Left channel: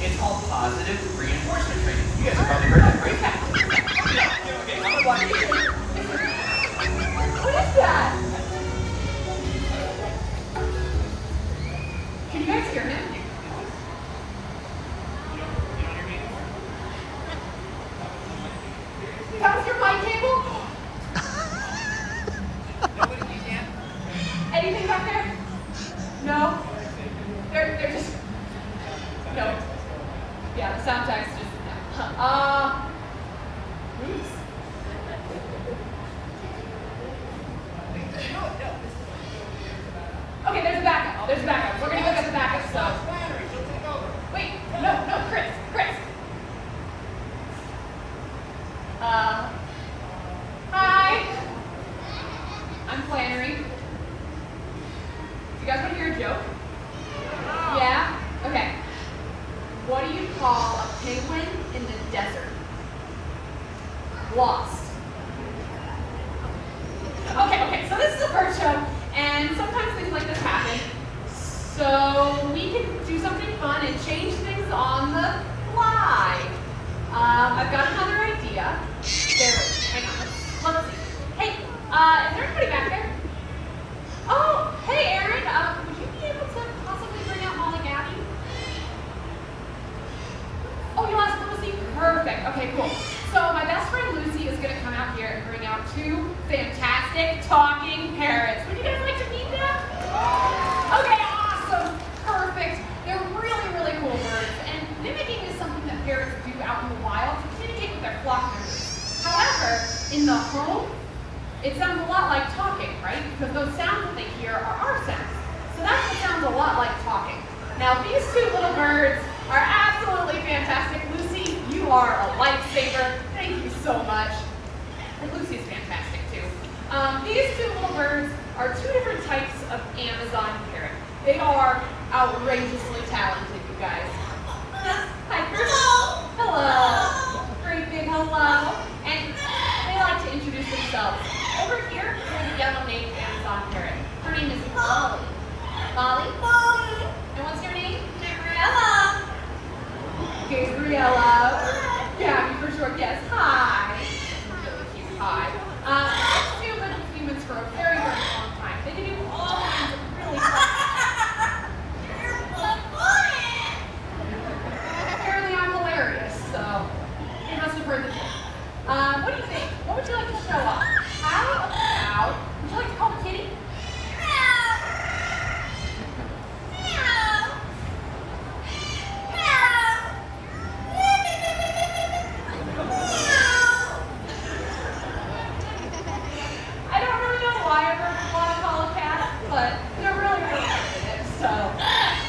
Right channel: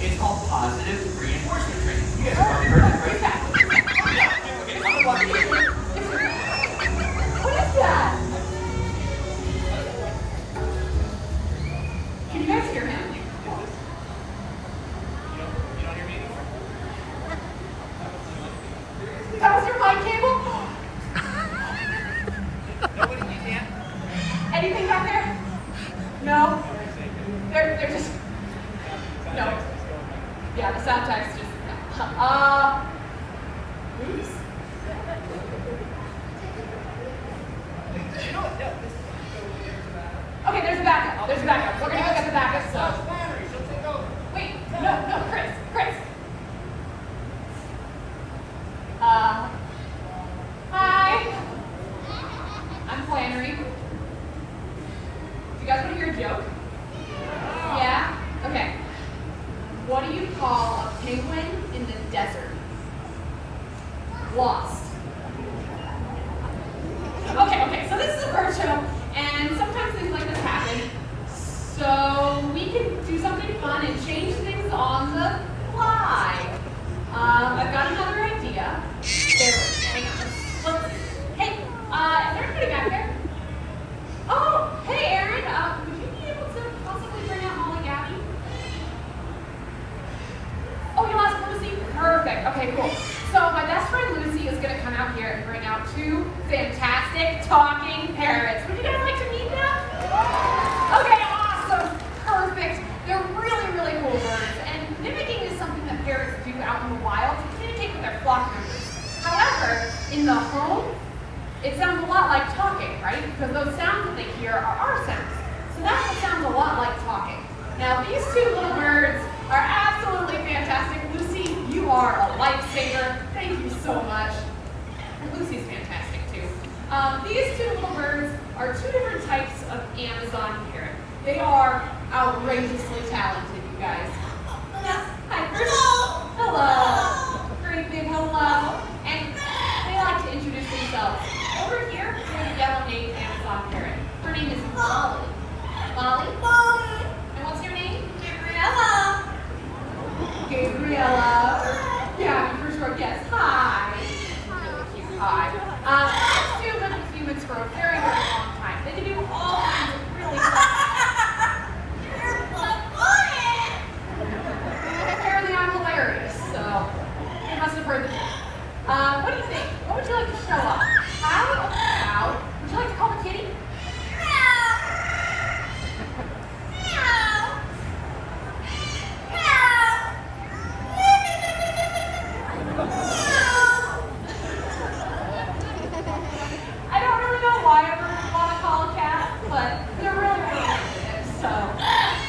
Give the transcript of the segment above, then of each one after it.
It's called positive reinforcement training. You guys have probably heard of it, right? Yeah. Okay, I'm gonna walk you through it. What is that? Can you guys hear him? You don't hear me anymore? That was your mic cable? Nobody, you can't? Anything back there? No? They're just, no. Yeah, the sound text just, oops. No, no. Okay, there's a backup. There's a backup. We're gonna go get the backup, so. Battery, she'll take over. Wait, no, Chris. Hi. I'm Flannery. You guys want to hear a joke? Yeah? Okay. What do you call a penguin in the desert? Lost. Okay, so this is a bird show, and sometimes things like this happen. So we can do something fun and change things on the fly. I've got another idea. Hang on, let's see. Hey, is there anybody back there? Oh, hey Aaron, would you be able to possibly bring out Molly Gabby? Oh, you'll ask Lucy? Perfect, okay, cool. So my best friend Lucy is gonna come out here and bring out two fantastic talking parrots. Would you guys like to meet them? Okay, awesome, perfect. They're really, really cool birds, and mimicking is something that parrots do out in the wild to communicate with their flock members. However, in the home, it sounds a lot like talking, right? Because those sounds that they hear are our sounds. So that's what sounds a lot like talking. Now, these two little birds are absolutely fantastic. Lucy, you are a lifesaver. Thank you so much. And Lucy's fantastic too. These two little birds are two different types of Amazon parrot. They are outrageously talented, you guys. Yes, hi, Chris. Hello. Great big hello. And they like to introduce themselves. Over here, there's a yellow-naped Amazon parrot. Her name is Molly. Molly? And what's your name? Gabriella. Yeah, for sure. Yes. Hi. Really cute. Hi. These two have been with humans for a very, very long time. They can do all kinds of really Apparently I'm hilarious, so you must have heard the joke. What do you think? What would you like to show off? How about, would you like to call the kitty? I don't really know why everyone would want to call a cat, but they're really, really good at it. So,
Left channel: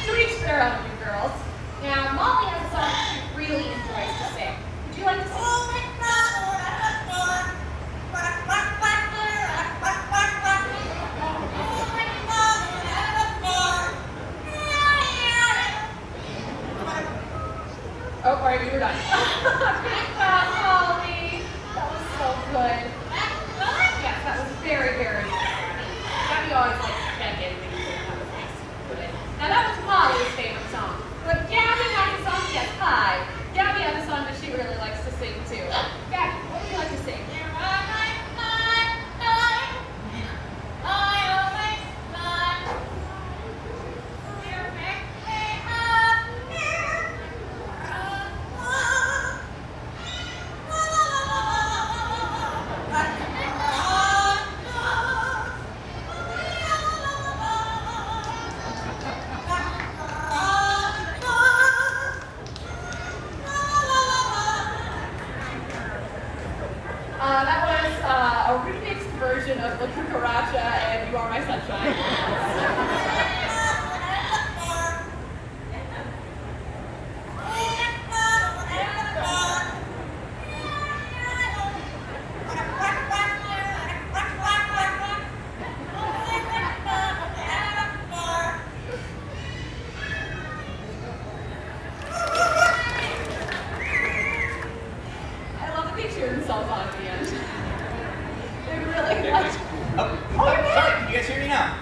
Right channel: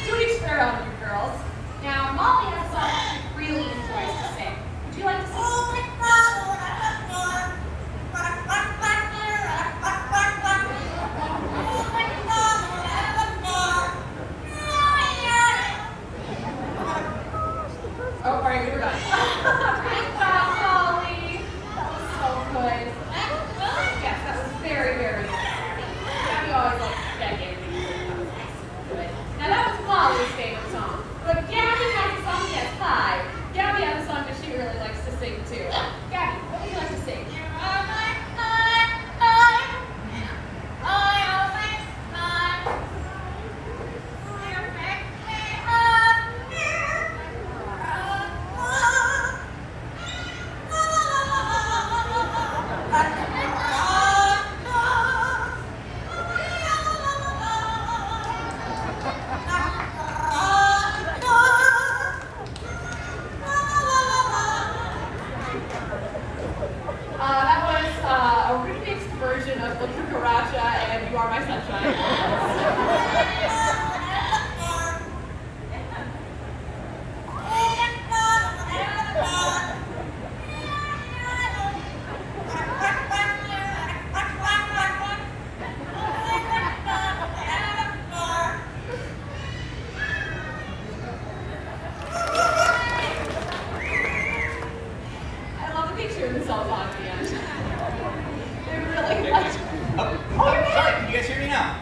to each their own, you girls. Now, Molly has a song she really enjoys to sing. Would you like to sing? Oh, all right, we were done. Good job, Molly. That was so good. Yes, that was very, very good. Gabby always likes to check in. That was nice. Good. Now that was Molly's favorite song. But Gabby has a song. Yes, hi. Gabby has a song that she really likes to sing too. Gabby, what would you like to sing? That was a remixed version of La Cucaracha and You Are My Sunshine. I love that they cheer themselves on at the end. They really like. Oh, sorry, can you guys hear me now?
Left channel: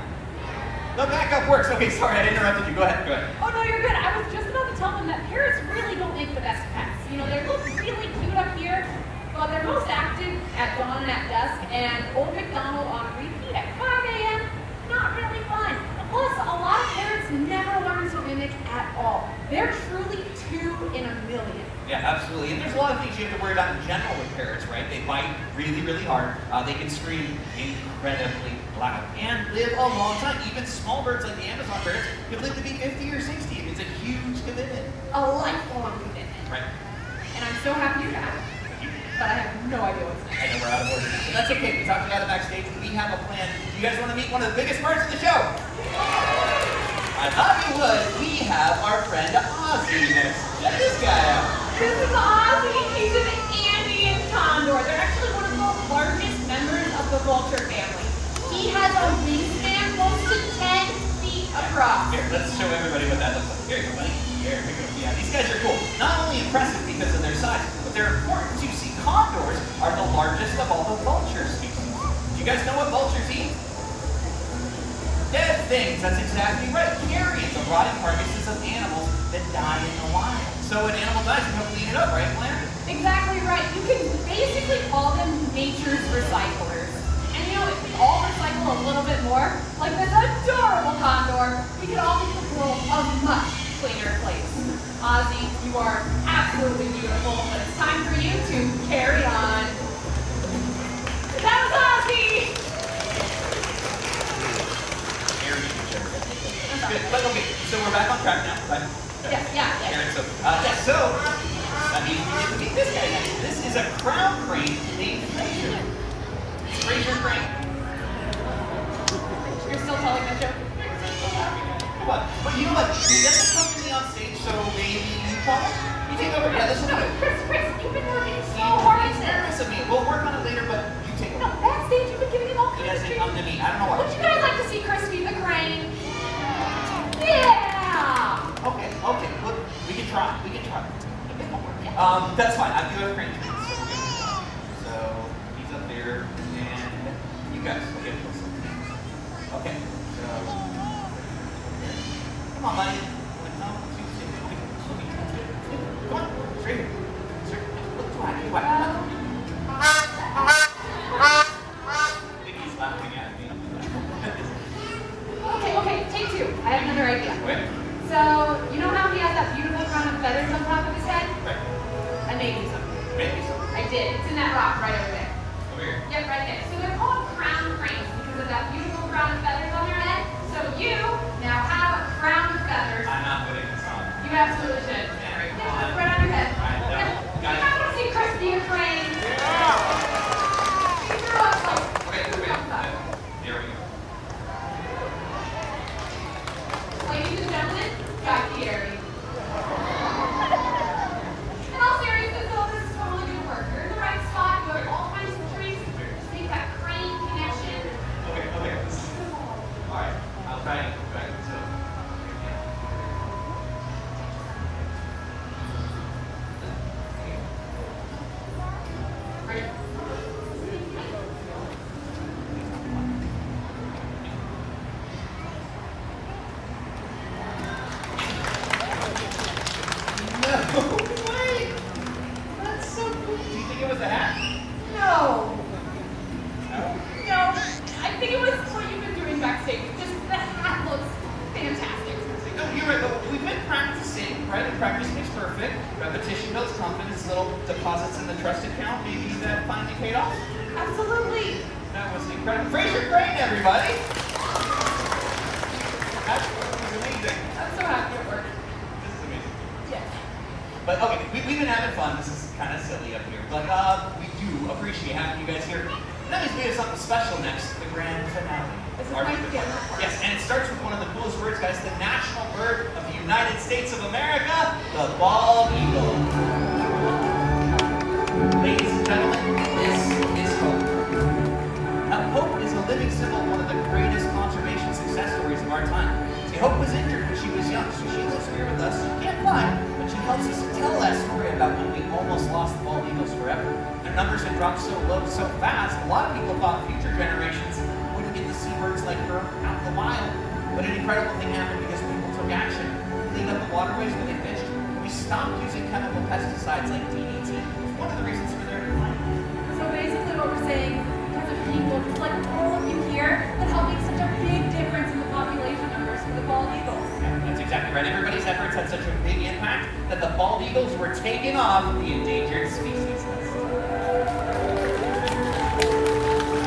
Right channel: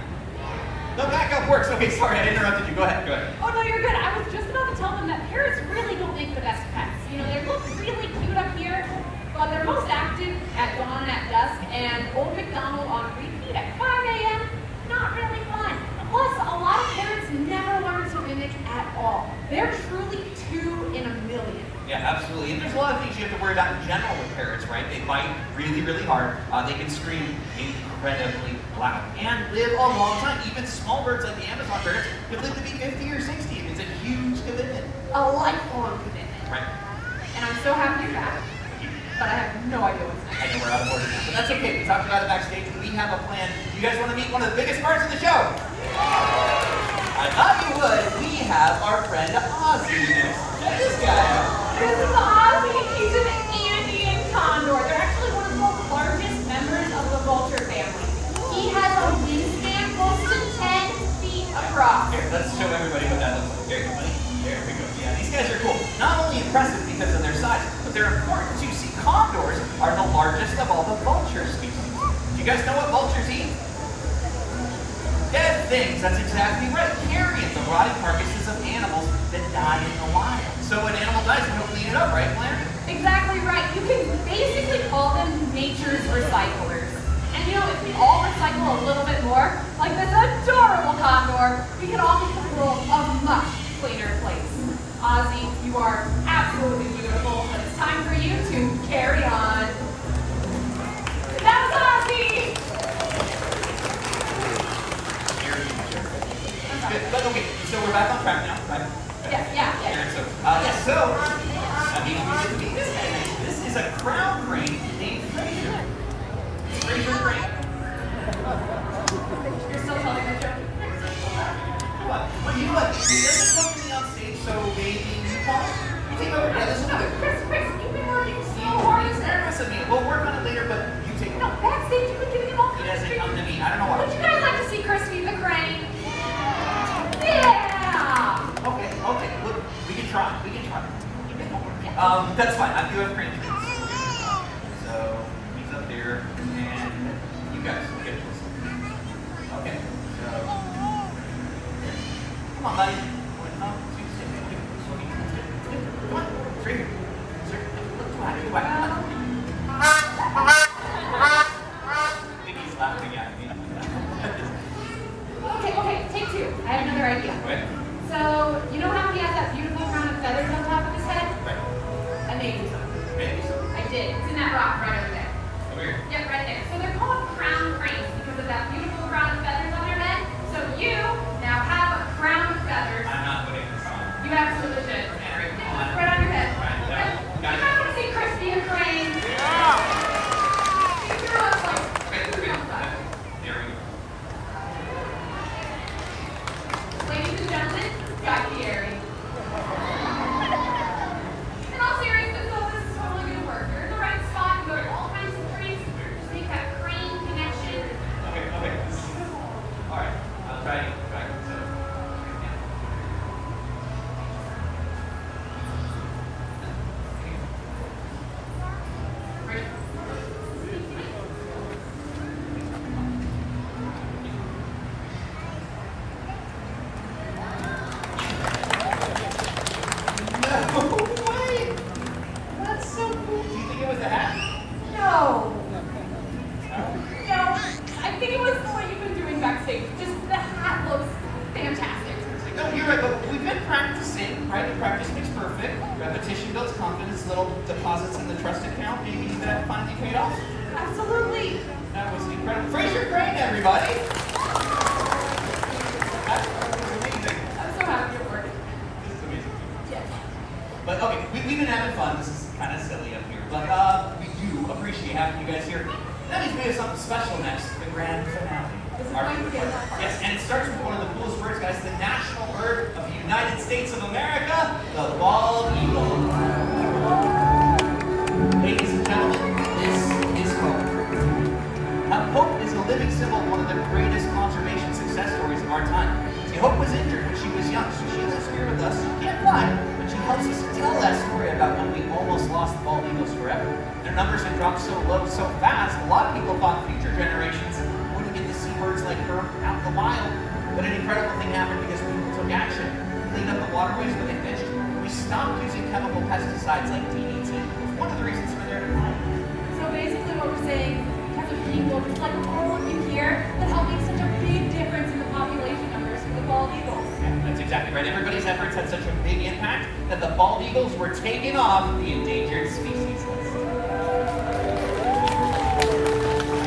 and Old MacDonald on repeat at 5 a.m. Not really fun. Plus, a lot of parents never learn to mimic at all. They're truly 2 in a million. Yeah, absolutely. And there's a lot of things you have to worry about in general with parrots, right? They bite really, really hard. They can scream incredibly loud and live a long time. Even small birds like the Amazon parrots can live to be 50 or 60. It's a huge commitment. A lifelong commitment. Right. And I'm so happy you're back, but I have no idea what's next. I know we're out of order now, but that's okay. We talked about it backstage. We have a plan. Do you guys want to meet one of the biggest birds in the show? I thought you would. We have our friend Ozzy next. Check this guy out. This is Ozzy. He's an Andean condor. They're actually one of the largest members of the vulture family. He has a wingspan close to 10 feet across. Here, let's show everybody what that looks like. Here you go, buddy. There we go. Yeah, these guys are cool. Not only impressive because of their size, but they're important too. See, condors are the largest of all the vulture species. Do you guys know what vultures eat? Dead things. That's exactly right. Carrion, the rotting carcasses of animals that die in the wild. So when an animal dies, we don't clean it up, right, Blair? Exactly right. You can basically call them nature's recyclers. And you know, if we all recycle a little bit more, like this adorable condor, we could all make the world a much cleaner place. Ozzy, you are absolutely beautiful, but it's time for you to carry on. That was Ozzy! Good. But okay, so we're back on track now, right? Yeah. So that means we get to meet this guy next. This is a crown crane named Fraser. Fraser Crane. You're still telling that joke? What? But you know what? He doesn't come to me on stage, so maybe you call him? You take over. Yeah, this is good. Chris, you've been working so hard. He's nervous of me. We'll work on it later, but you take No, over. backstage you could give him all He kinds of doesn't come to me. I don't know why. Would you guys like to see Christy the Crane? Yeah! Okay. Look, we can try. That's fine. I do have crane trees. So he's up there, and you guys will get it. Okay. So come on, buddy. Come on, straight here. Come on. I think he's laughing at me. Okay, take 2. I have another idea. Okay. So, you know how he has that beautiful crown of feathers on top of his head? Right. I made you some. Maybe. I did. It's in that rock right over there. Over here. Yep, right there. So they're called crown cranes because of that beautiful crown of feathers on their head. So you now have a crown of feathers. I'm not putting this on. You absolutely should. Henry, come Yeah, on. right on your head. Right, no. Okay. Got You it. guys want to see Christy the Crane? You're welcome. Here we go. Ladies and gentlemen, back here. In all seriousness, though, this is totally gonna work. You're in the right spot. You have all kinds of trees. Just make that crane connection. Okay. Alright, I'll try it. So, Right. No way! That's so cool. Do you think it was a hat? No. No. No. I think it was what you've been doing backstage. Just the hat looks fantastic. No, you're right, but we've been practicing, right? And practice makes perfect. Repetition builds confidence, little deposits in the trust account. Maybe that finally paid off. Absolutely. That was incredible. Fraser Crane, everybody! That was amazing. I'm so happy it worked. This is amazing. Yes. But okay, we've been having fun. This is kind of silly up here, but we do appreciate having you guys here. And that means we have something special next, the grand finale. This is Our my favorite favorite part. part. Yes, and it starts with one of the coolest birds, guys, the national bird of the United States of America, the bald eagle. Ladies and gentlemen, this is Hope. Now, Hope is a living symbol of one of the greatest conservation success stories of our time. See, Hope was injured when she was young, so she lives here with us. She can't fly, but she helps us tell that story about when we almost lost the bald eagles forever. Their numbers had dropped so low so fast, a lot of people thought future generations wouldn't get to see birds like her out in the wild. But an incredible thing happened because people took action, cleaned up the waterways where they fished, and we stopped using chemical pesticides like DDT. It's one of the reasons for their decline. So basically what we're saying, because of people, just like all of you here, that help make such a big difference in the population numbers for the bald eagles. Yeah, that's exactly right. Everybody's efforts had such a big impact that the bald eagles were taken off the endangered species list.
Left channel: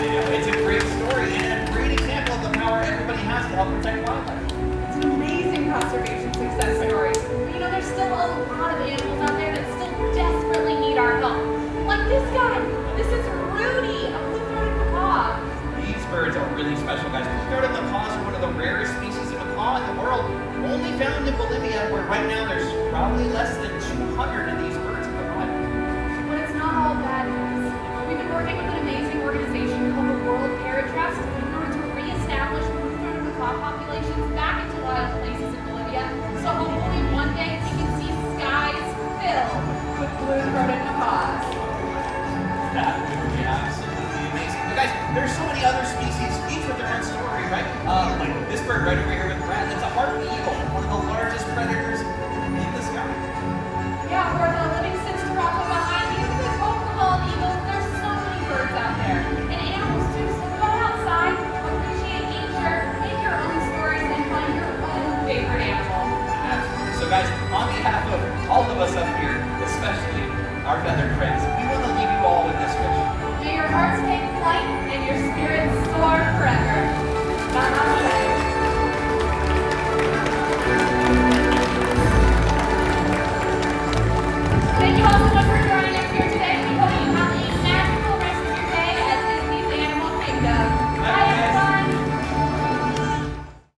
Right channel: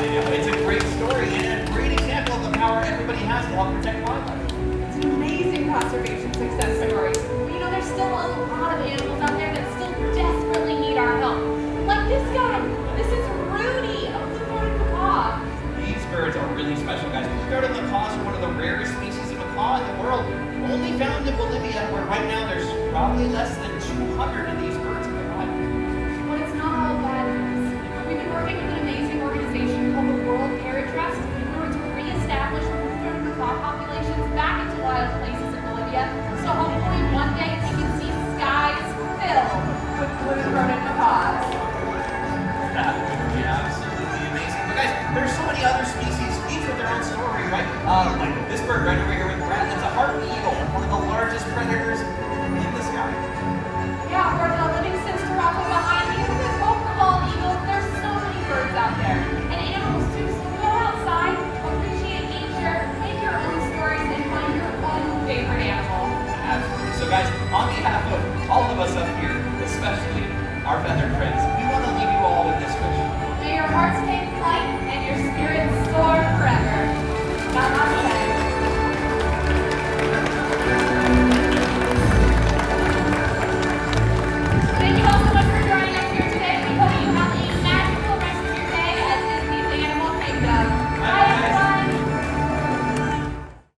I know, it's a great story and a great example of the power everybody has to help protect wildlife. It's an amazing conservation success story. But you know, there's still a lot of animals out there that still desperately need our help. Like this guy. This is Rudy, a blue-throated macaw. These birds are really special, guys. Blue-throated macaws are one of the rarest species of macaw in the world. Only found in Bolivia, where right now there's probably less than 200 of these birds in the wild. But it's not all bad news. We've been working with an amazing organization called the World Parrot Trust in order to reestablish blue-throated macaw populations back into wild places in Bolivia. So hopefully one day we can see skies filled with blue-throated macaws. That would be absolutely amazing. But guys, there's so many other species, each with their own story, right? Like this bird right over here with Brad, that's a harpy eagle, one of the largest predators in the sky. Yeah, or the Livingston Sirocco behind you. There's hope for bald eagles. There's so many birds out there. And animals too, so go outside, appreciate nature, make your own stories, and find your own favorite animal. Absolutely. So guys, on behalf of all of us up here, especially our feathered friends, we want to leave you all with this wish. May your hearts take flight and your spirit